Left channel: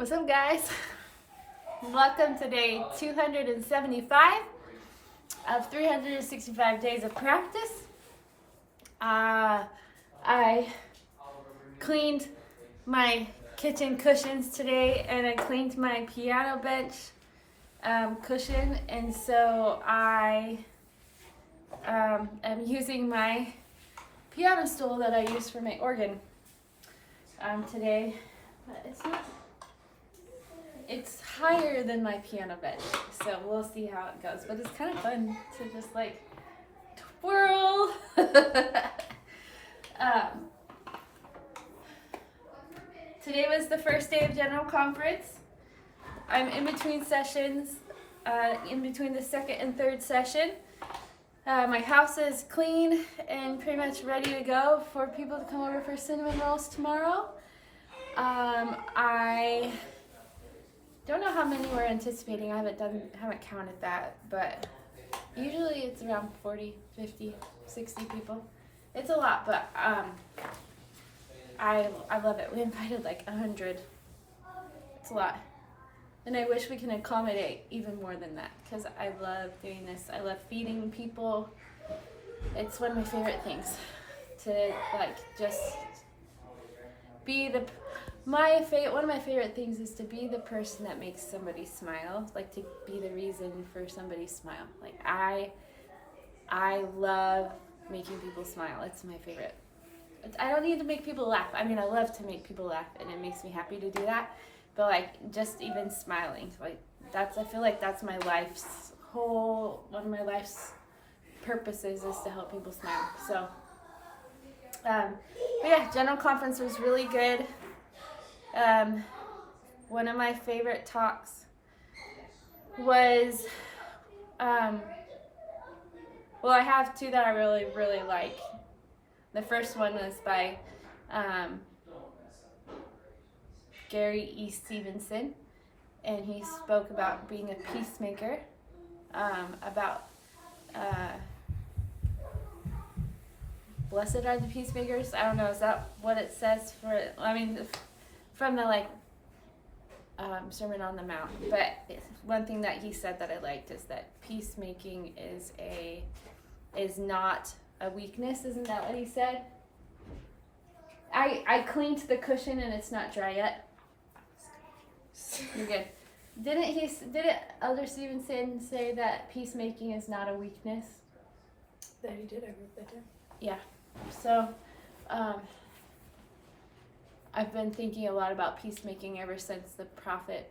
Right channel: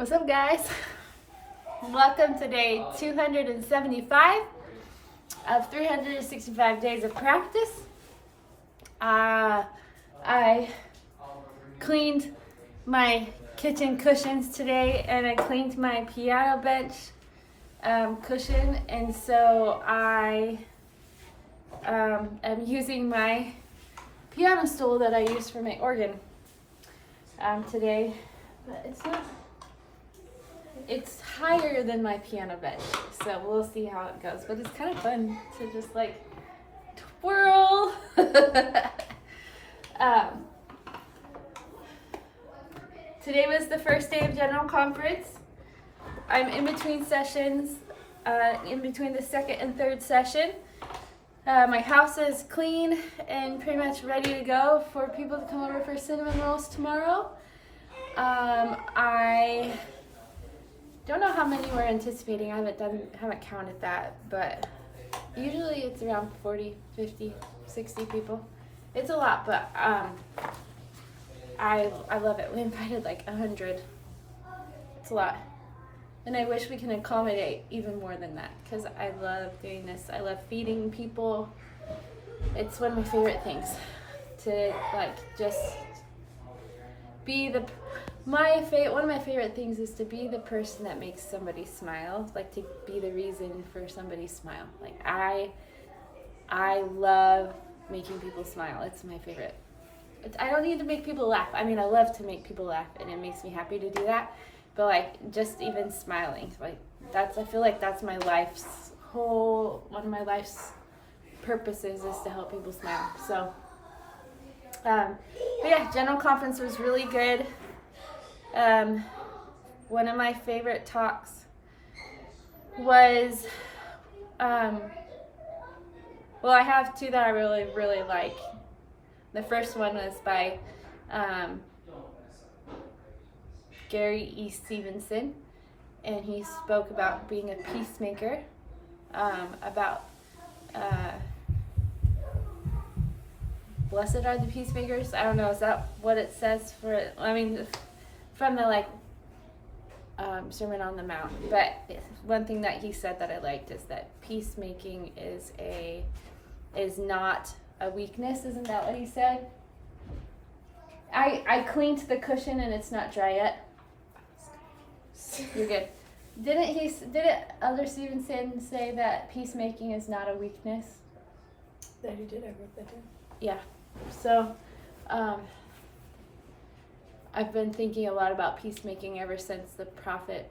What's up, guys? Welcome to day 275 of 365 days of practice. I cleaned my kitchen cushions today, and I cleaned my piano bench cushion, and so I am using my piano stool that I use for my organ today, but it's higher than my piano bench, so we'll see how it goes. But it's kind of fun to just like twirl. Today was the first day of general conference. I'm in between sessions, in between the second and third session. My house is clean and pretty much ready to go for people to come over for cinnamon rolls tomorrow. I don't know how many we're anticipating. I haven't counted that, but usually it's around 40, 50, 60 people. It's a lot, but I love it. We invited like 100. It's a lot. And I wish we can accommodate even more than that, because I love doing this. I love feeding people. It's one of my favorite things to like just be one of my favorite things is to be the person that makes somebody smile, like to be the reason for somebody's smile. Like I love making people smile. It's my favorite. I don't need to make people laugh. I mean, I love to make people laugh, and it makes me happy to do that. But like just even smiling, like I feel like that's one of my life's purposes is to help people smile. So, but yeah, general conference was really good. One of my favorite talks was, well, I have two that I really, really like. The first one was by Gary E. Stevenson, and he spoke about being a peacemaker, about blessed are the peacemakers. I don't know, is that what it says for it? I mean, from the Sermon on the Mount. But one thing that he said that I liked is that peacemaking is not a weakness. Isn't that what he said? I cleaned the cushion and it's not dry yet. You're good. Didn't Elder Stevenson say that peacemaking is not a weakness? That he did, I wrote that down. Yeah. So, I've been thinking a lot about peacemaking ever since the prophet,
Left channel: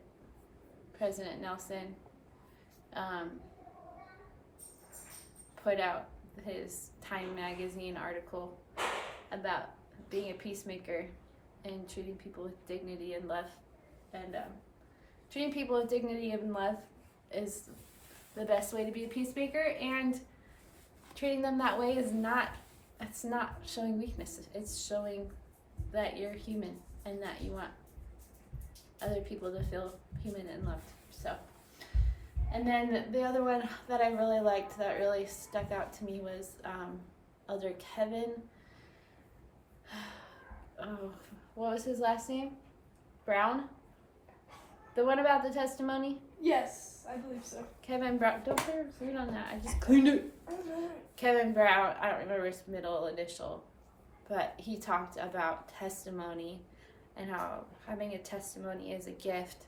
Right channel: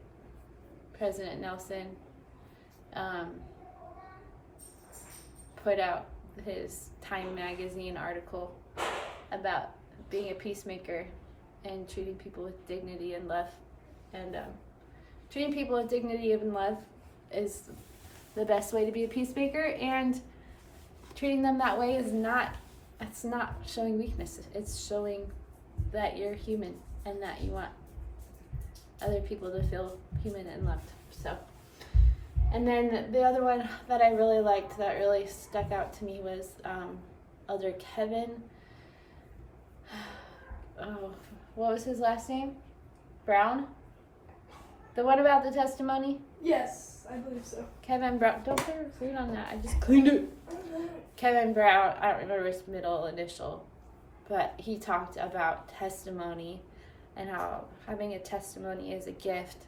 President Nelson, put out his Time magazine article about being a peacemaker and treating people with dignity and love. And treating people with dignity and love is the best way to be a peacemaker, and treating them that way it's not showing weakness. It's showing that you're human and that you want other people to feel human and loved. So, and then the other one that I really liked that really stuck out to me was Elder Kevin. Oh, what was his last name? Brown? The one about the testimony? Yes, I believe so. Kevin Brown. Don't put your food on that. I just cleaned it. Kevin Brown. I don't remember his middle initial, but he talked about testimony and how having a testimony is a gift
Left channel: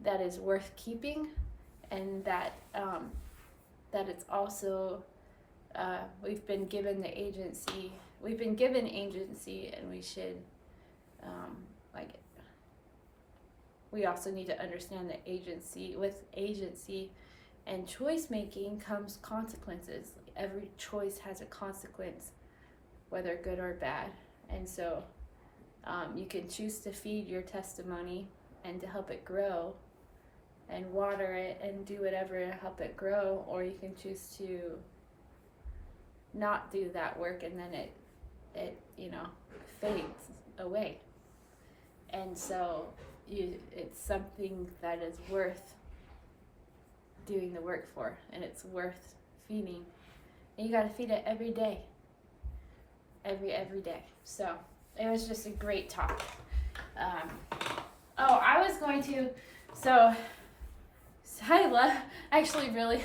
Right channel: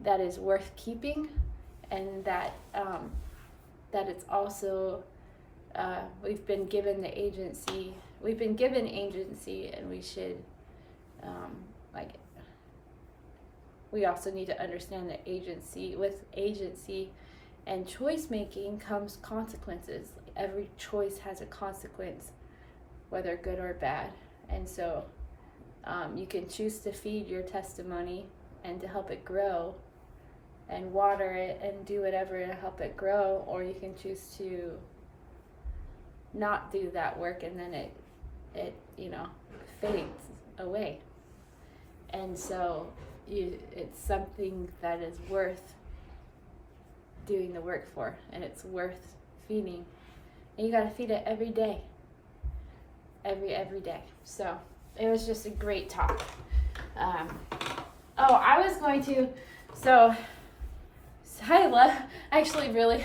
that is worth keeping, and that it's also we've been given agency, and we should we also need to understand that with agency and choice making comes consequences. Every choice has a consequence, whether good or bad. And so you can choose to feed your testimony and to help it grow and water it and do whatever to help it grow, or you can choose to not do that work, and then it fades away. And so it's something that is worth doing the work for, and it's worth feeding, and you got to feed it every day, every day. So it was just a great talk. Oh, I was going to. So I love. Actually, really,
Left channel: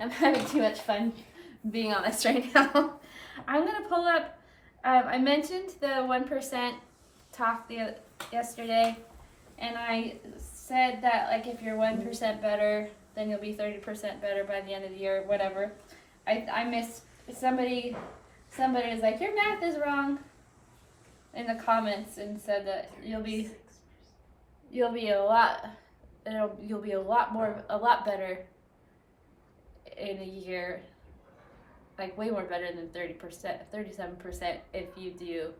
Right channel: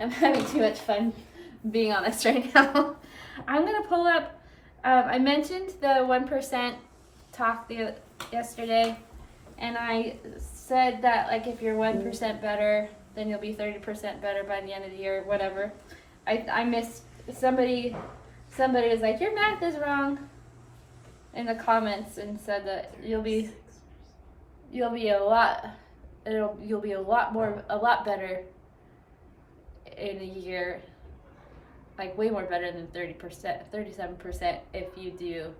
I'm having too much fun being on this right now. I'm gonna pull up. I mentioned the 1% talk yesterday, and I said that like if you're 1% better, then you'll be 30% better by the end of the year, whatever. I missed somebody. Somebody was like, your math is wrong in the comments, and said that you'll be a lot a lot better in a year, like way more better than 30%, 37% if you do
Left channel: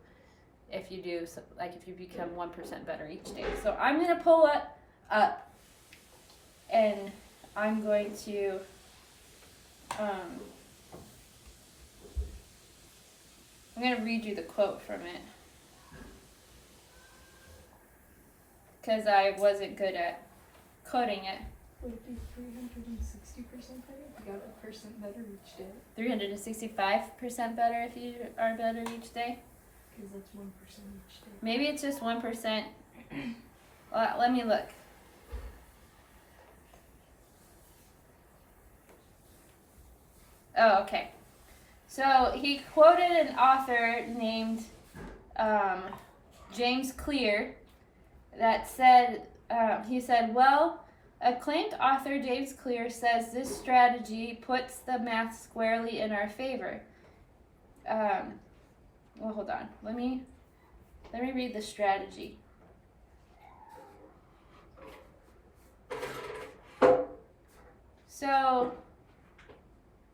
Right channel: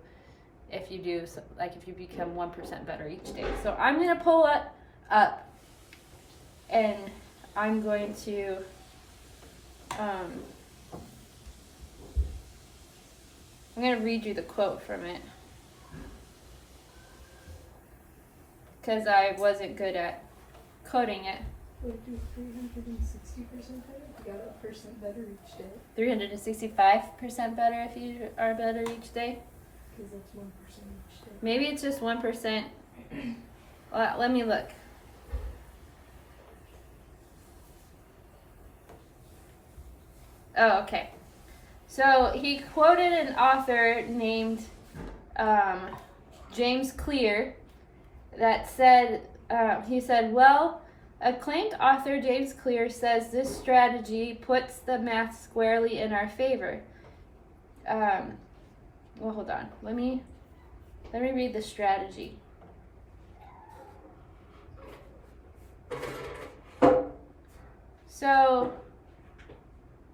like if you become 1% better each day. So I'm gonna pull it up, and I'm going to I'm going to read you the quote from it, because I wasn't good at coding it. Would do 360% better? You got a percent better each day. 365% better if you are better each day? Because that's 1% each day. Maybe it's just 1%. Let me look. Oh, okay. So he quoted an author named James Clear that said, he said, well, acclaimed author James Clear says this strategy puts the math squarely in our favor. Well, hold on. Let me read the strategy. So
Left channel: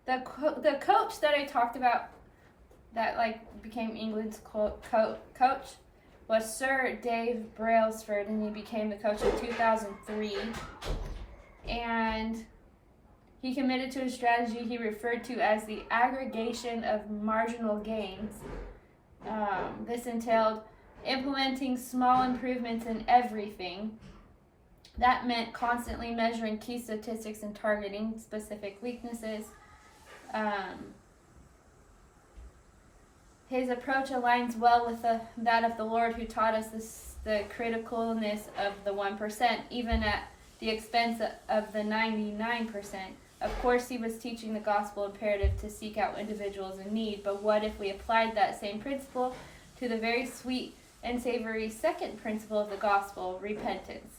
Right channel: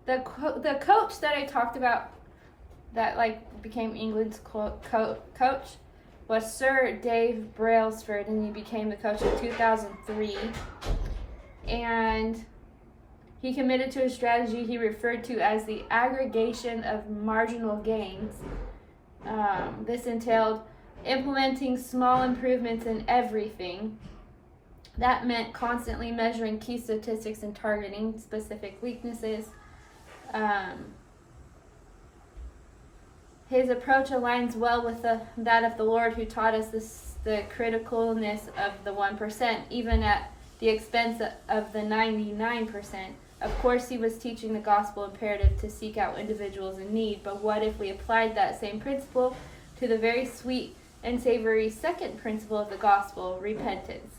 the coach that I talked about that like became England's coach was Sir Dave Brailsford, and he became the coach in 2003. And he committed to a strategy he referred to as the aggregation of marginal gains. This entailed implementing small improvements in everything. That meant constantly measuring key statistics and targeting specific weaknesses. His approach aligns well with that of the Lord, who taught us the criticalness of the 1%, even at the expense of the 99%. Of course, he was teaching the gospel imperative to seek out individuals in need, but what if we applied that same principle to the very sweet and savory second principle of the gospel, repentance?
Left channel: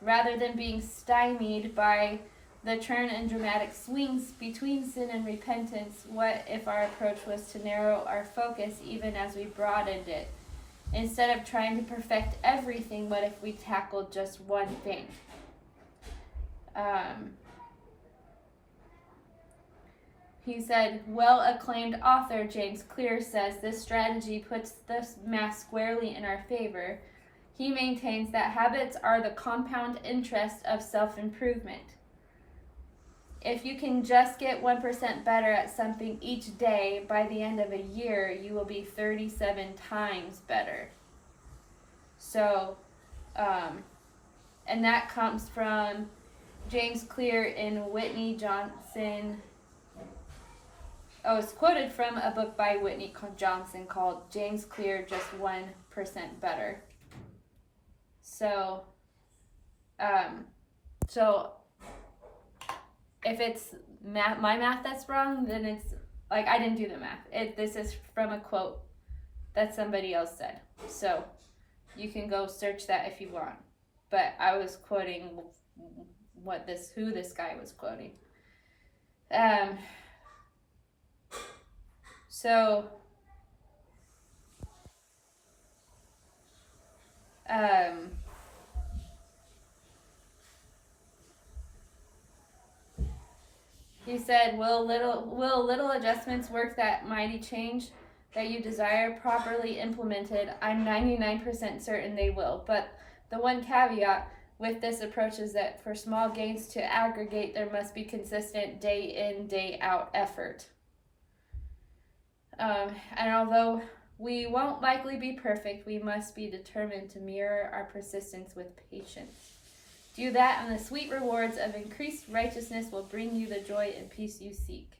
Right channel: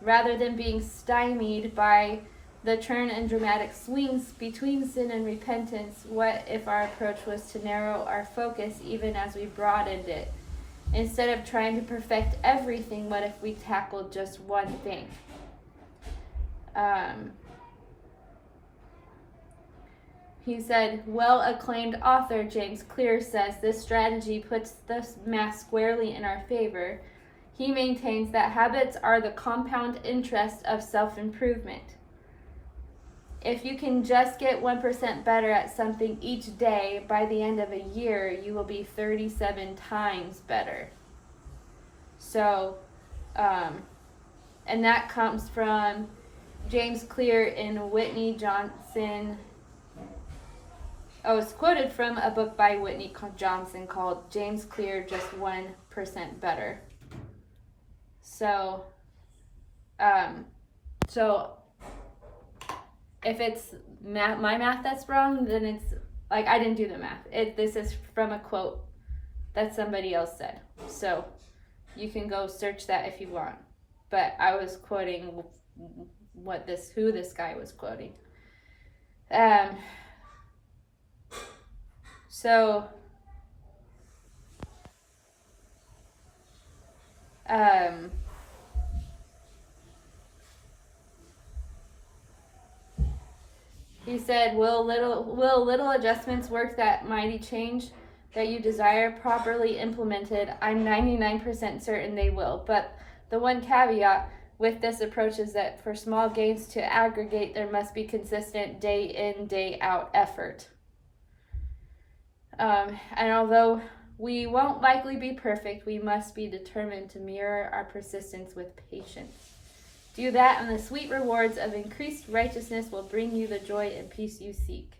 Rather than being stymied by the turn and dramatic swings between sin and repentance, what if our approach was to narrow our focus even as we broadened it? Instead of trying to perfect everything, what if we tackled just one thing? He said, well-acclaimed author James Clear says this strategy puts the math squarely in our favor. He maintains that habits are the compound interest of self-improvement. If you can just get 1% better at something each day, by the end of a year, you will be 37 times better. So, and that comes from James Clear in Whitney Johnson. Oh, it's quoted from a book by Whitney Johnson called James Clear, Just 1% Better. So, if it's my math that's wrong, then it's like I didn't do the math. This is from a quote that somebody else said. So you can go search that if you want. But I was quoting who this guy was quoting. He said, will little adjustments work that mighty change that you desire? Properly implemented, I'm 99% certain they will. But the one caveat with this approach is that for small gains to aggregate, there must be consistent day in, day out effort. And although we won't likely be perfect, we must be determined to mirror our persistence with patience. Do that, and the sweet rewards of increased righteousness will bring you the joy and peace you seek.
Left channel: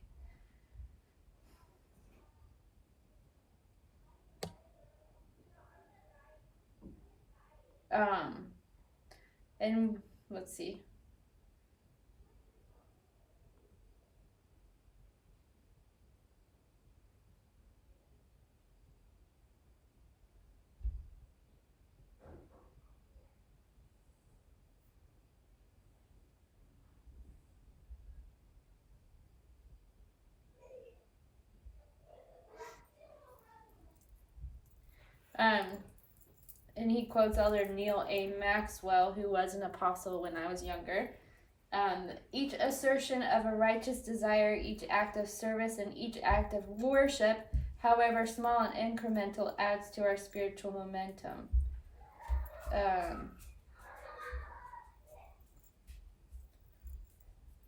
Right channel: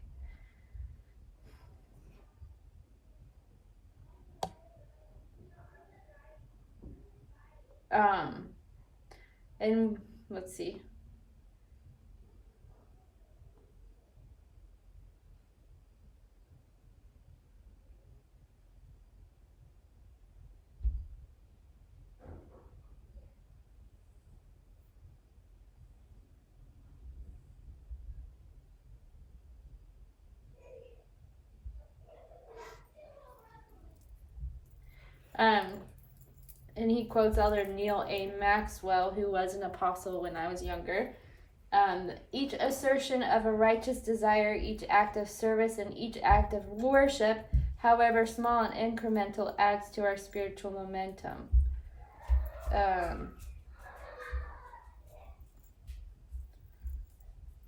And let's see. And he quotes Elder Neil A. Maxwell, who was an apostle when I was younger. Each assertion of a righteous desire, each act of service, and each act of worship, however small and incremental, adds to our spiritual momentum.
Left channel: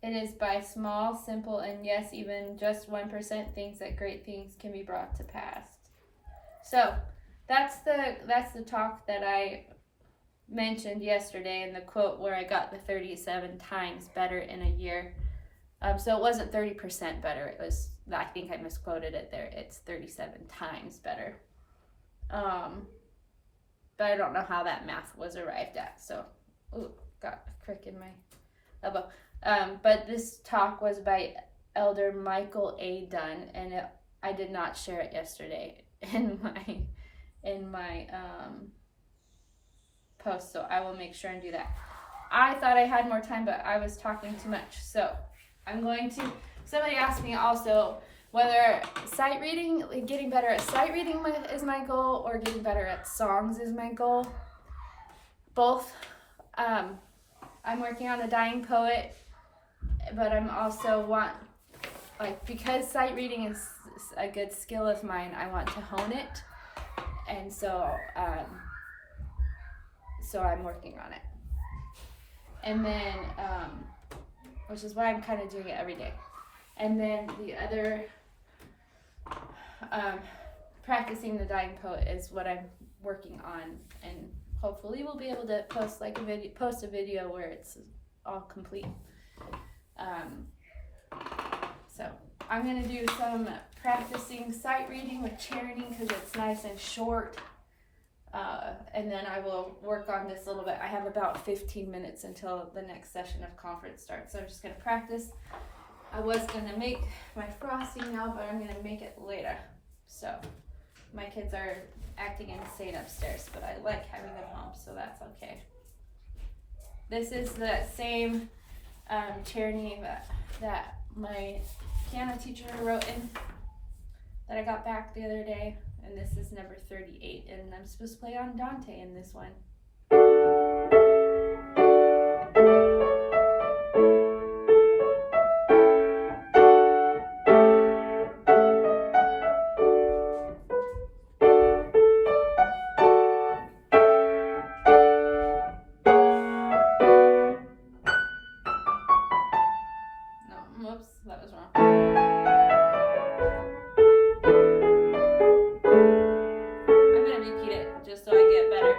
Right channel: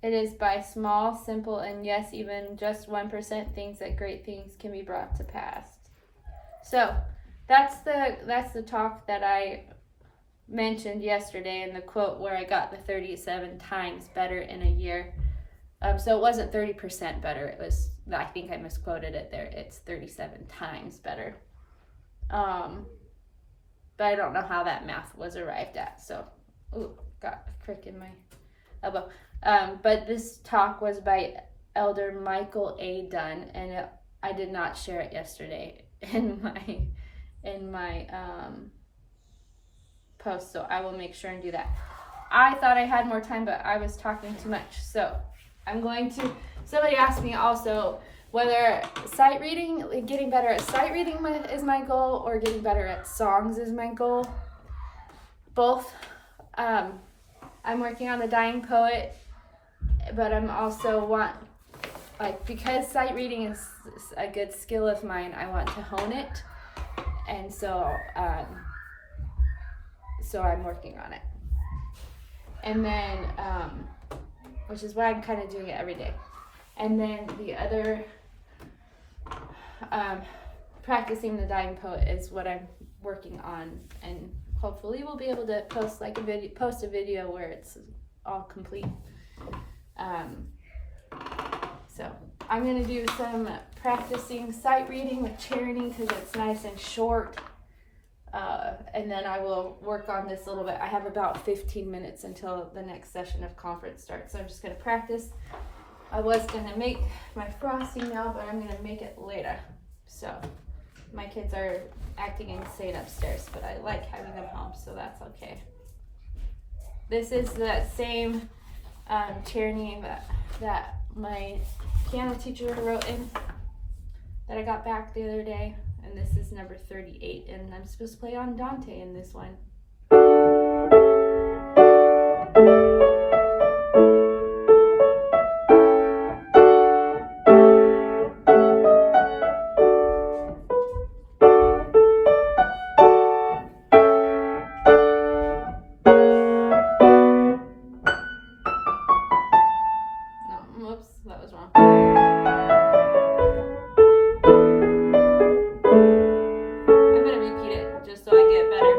It is by small, simple, and yes, even just 1% things that great things can be brought to pass. So that's the talk that I mentioned yesterday in the quote where I got the 37 times better in a year. So it wasn't 30% better. It was, I think I misquoted it there. It's 37 times better. But I don't know how that math was arrived at. So, got a crick in my elbow. But this talk was by Elder Michael A. Dunn, and I did not share it yesterday in my post, so I will make sure and do that. I thought I had more time, but I was talking too much, so I'm going to. Somebody asked me also whether sight reading, getting better at sight reading is my goal, or getting better at songs is my goal. Both. I'm working on The Dying Poet, but I'm also because sight reading is a good skill of mine, I want to hone it, and so I'm working on it. And then, which is why I'm kind of doing it every day. And then the other, practicing The Dying Poet is what I'm working on, and hopefully we'll be able to post a video where it's all complete. So I'm gonna do some practicing sight reading with Charity because it's nice and short. And then I will work on this a little bit. I have about 15 minutes until the next session of conference starts. So I'm just gonna practice. I was gonna make my frosting now, but I'm gonna make it later. So my kids are acting insane upstairs, but I like having them home, so that's okay. This is that same Charity that my piano teacher wrote in that I got back the other day, and this is number 38, and I'm supposed to play on Dante in this one. No, whoops, that was wrong. I'm gonna repeat it just so I get better.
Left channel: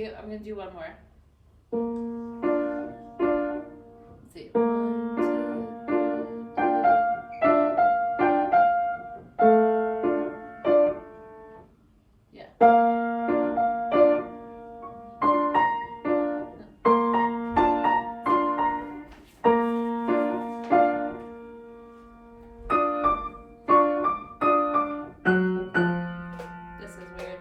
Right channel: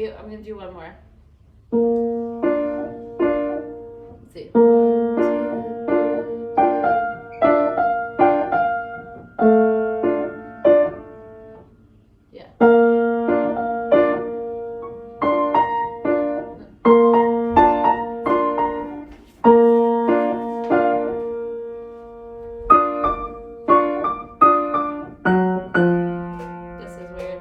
cute. I'm gonna do one more. Let's see. Yeah. This is weird.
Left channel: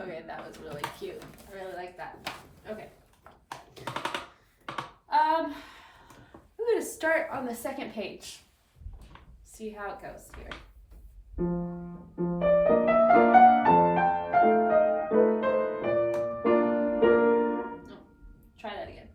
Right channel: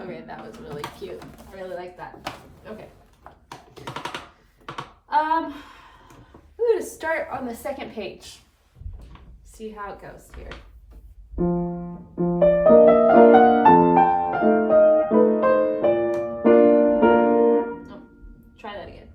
Okay, that was really cute. I really like that. Okay. I'm gonna start on the second page. See how it goes here. Oh, try that again.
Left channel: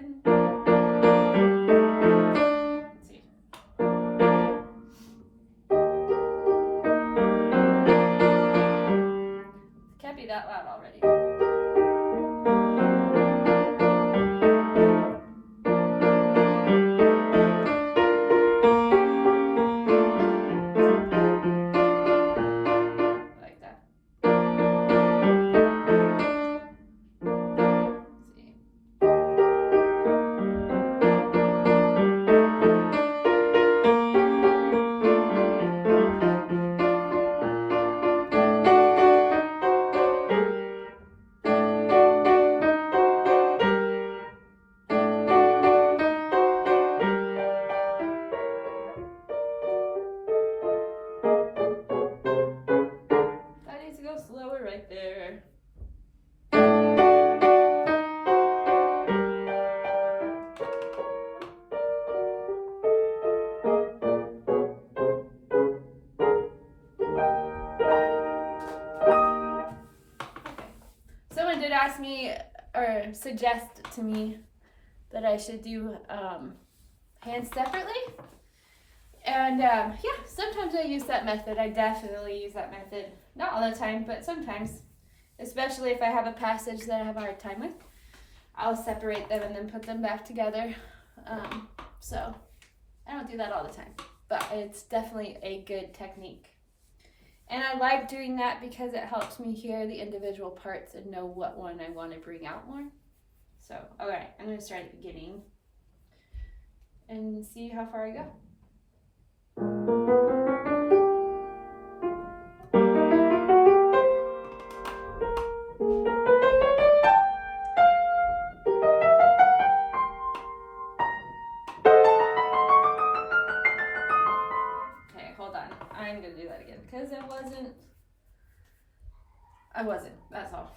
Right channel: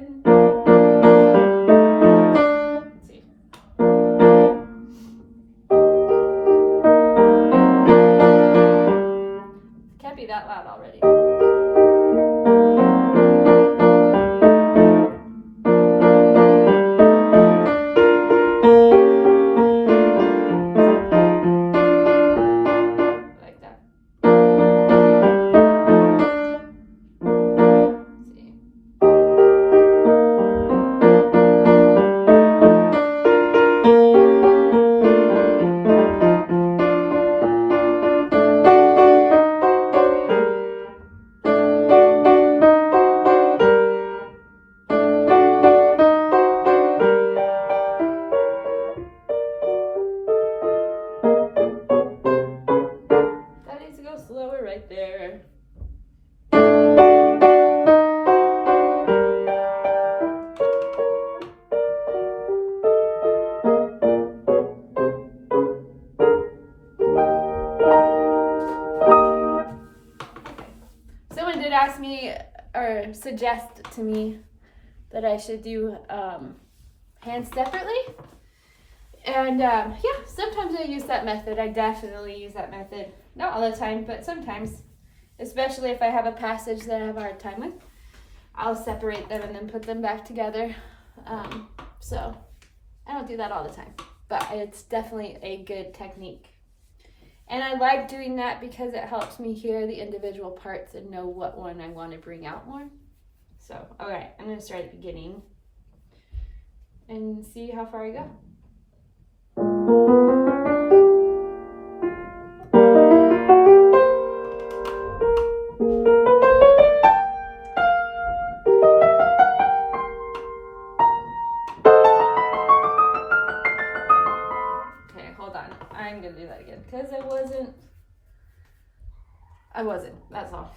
And let's see. Can't be that loud already. Like that. Let's see. That needs to go slower right there. Someone did ask me or suggest to me that I should do hands separately. And yeah, sometimes I use that method. I definitely use that method. Not all the time, but sometimes. Especially if I have a passage that I have a hard time with. I'll separate them and then put them back together. So I don't do that all the time. But it's definitely a good technique. And I like doing that because it helps me hear the individual parts and know what one I want to bring out more. So, all right, I'm going to start at the beginning and see how far I go. Okay, hold on. I'm going to do that again because I wasn't. That's all.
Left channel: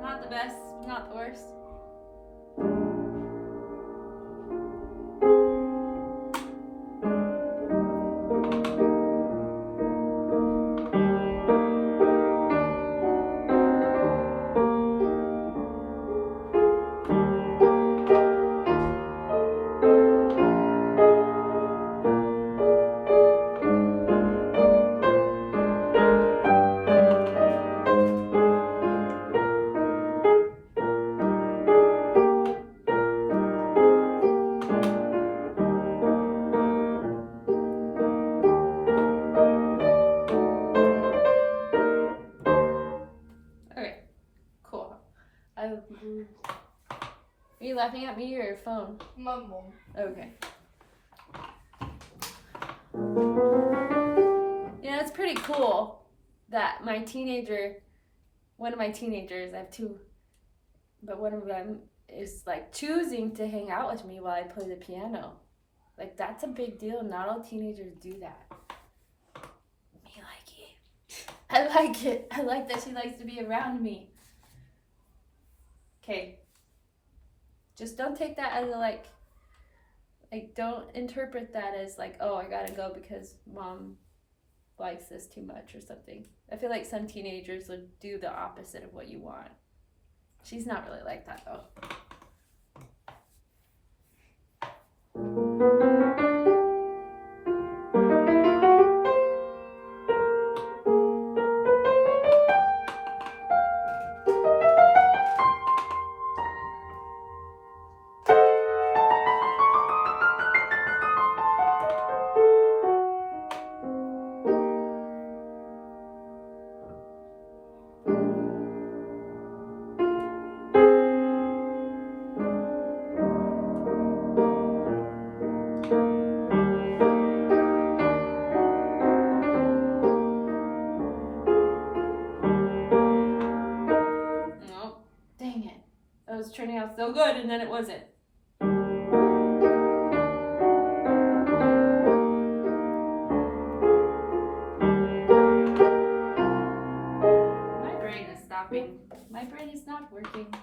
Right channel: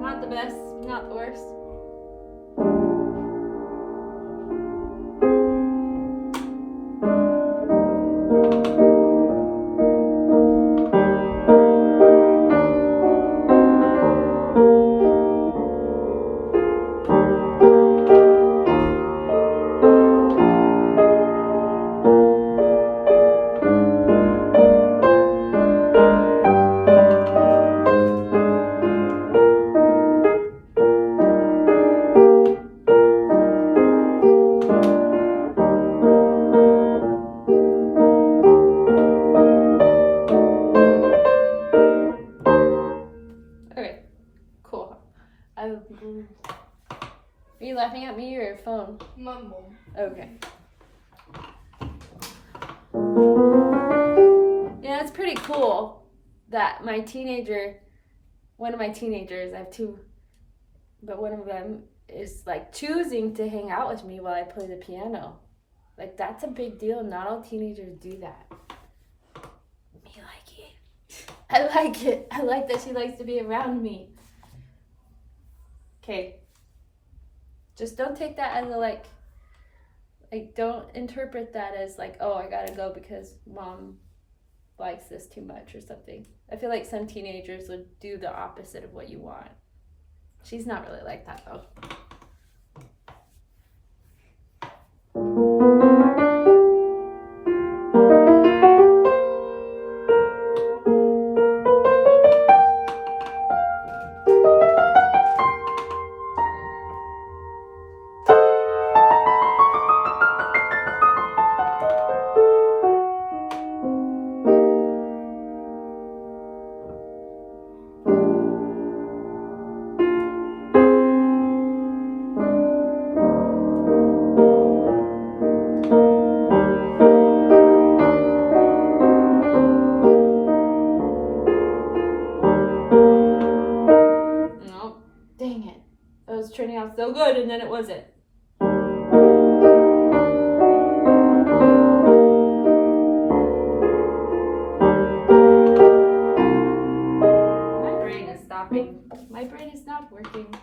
Not the best, not the worst. Are you laughing at me or your phone? My mom. Okay. Yeah, it's pretty cool that one of my teenagers, I have two, but one of them is like choosing to hang out with me while I play the piano. Like, that's a big deal. Not all teenagers do that. Me like it. I like it. I like that she likes to be around me. Okay. Just don't take that as a like don't interpret that as like, oh, I gotta go because mom likes this too much or something. I feel like some teenagers would do the opposite of what you want. She's not really like that though. Dang it. It was turning out so good and then it wasn't. My brain is stopping. My brain is not working.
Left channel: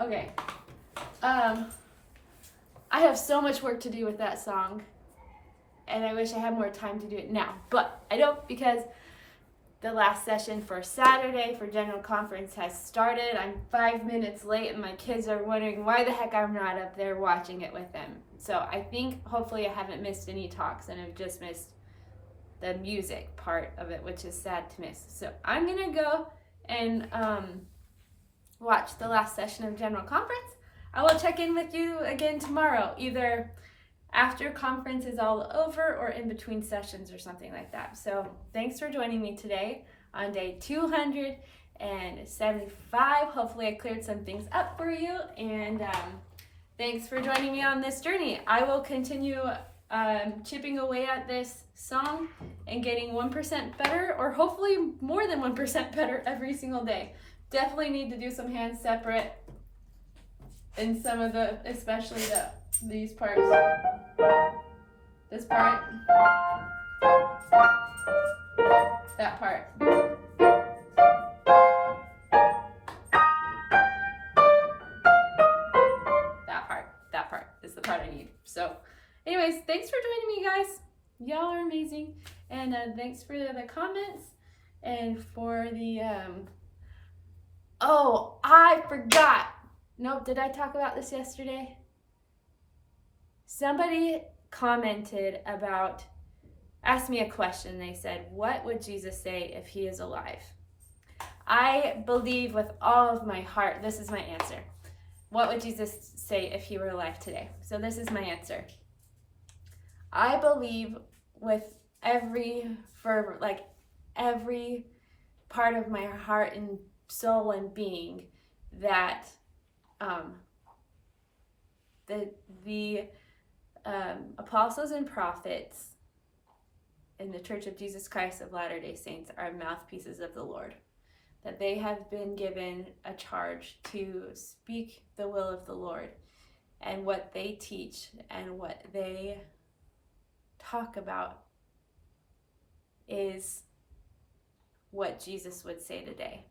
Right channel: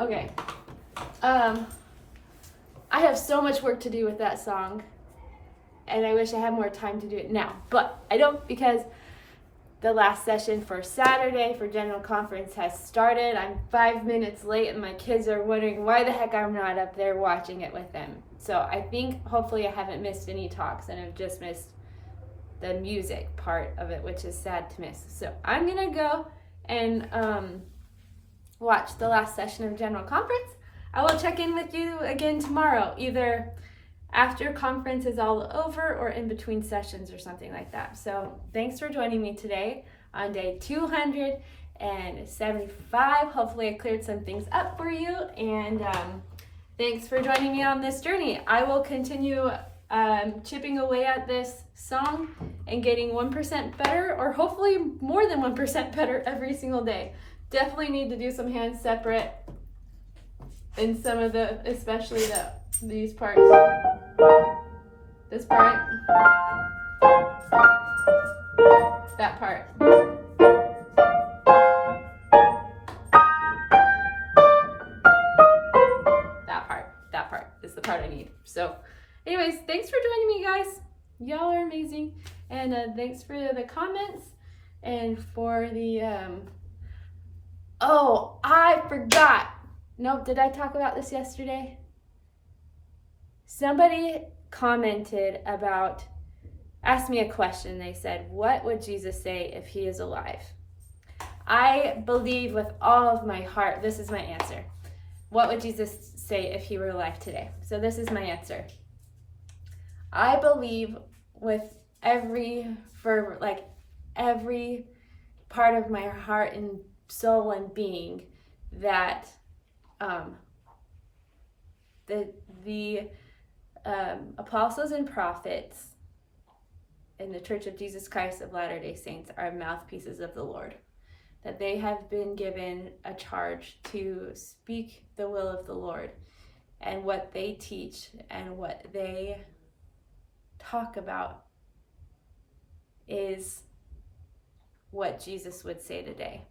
Okay. I have so much work to do with that song, and I wish I had more time to do it now, but I don't, because the last session for Saturday for General Conference has started. I'm 5 minutes late, and my kids are wondering why the heck I'm not up there watching it with them. So I think hopefully I haven't missed any talks, and I've just missed the music part of it, which is sad to miss. So I'm gonna go and watch the last session of General Conference. I will check in with you again tomorrow, either after conference is all over or in between sessions or something like that. So thanks for joining me today on day 275. Hopefully I cleared some things up for you, and thanks for joining me on this journey. I will continue chipping away at this song and getting 1% better, or hopefully more than 1% better every single day. Definitely need to do some hands separate in some of the, especially these parts. This part. That part. That part is the part I need. So anyways, thanks for joining me, guys. Y'all are amazing. And thanks for the comments and for the, oh, I forgot. No, did I talk about this yesterday? Somebody commented about, asked me a question. They said, what would Jesus say if he is alive? I believe with all of my heart, this is my answer. What would Jesus say if he were alive today? So this is my answer. I believe with every fervor, like every part of my heart and soul and being, that the apostles and prophets in the Church of Jesus Christ of Latter-day Saints are mouthpieces of the Lord, that they have been given a charge to speak the will of the Lord, and what they teach and what they talk about is what Jesus would say today.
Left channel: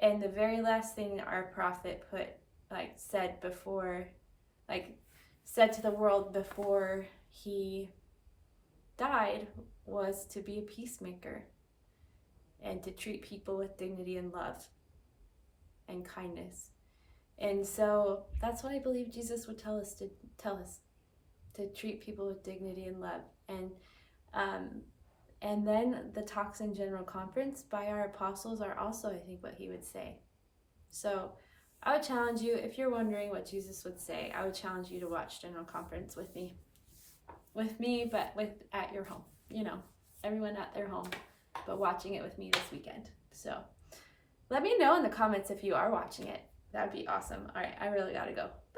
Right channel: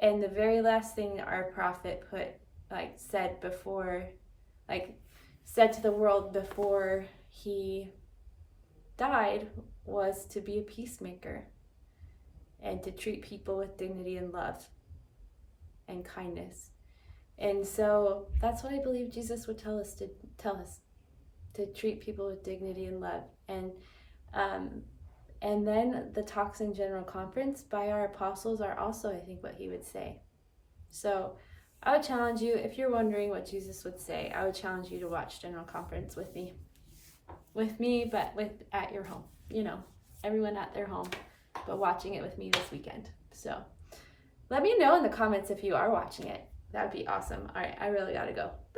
And the very last thing our prophet said to the world before he died was to be a peacemaker and to treat people with dignity and love and kindness. And so that's what I believe Jesus would tell us, to treat people with dignity and love. And then the talks in General Conference by our apostles are also, I think, what he would say. So I would challenge you, if you're wondering what Jesus would say, I would challenge you to watch General Conference with me, but at your home, everyone at their home, but watching it with me this weekend. So let me know in the comments if you are watching it. That would be awesome. All right, I really gotta go. Bye.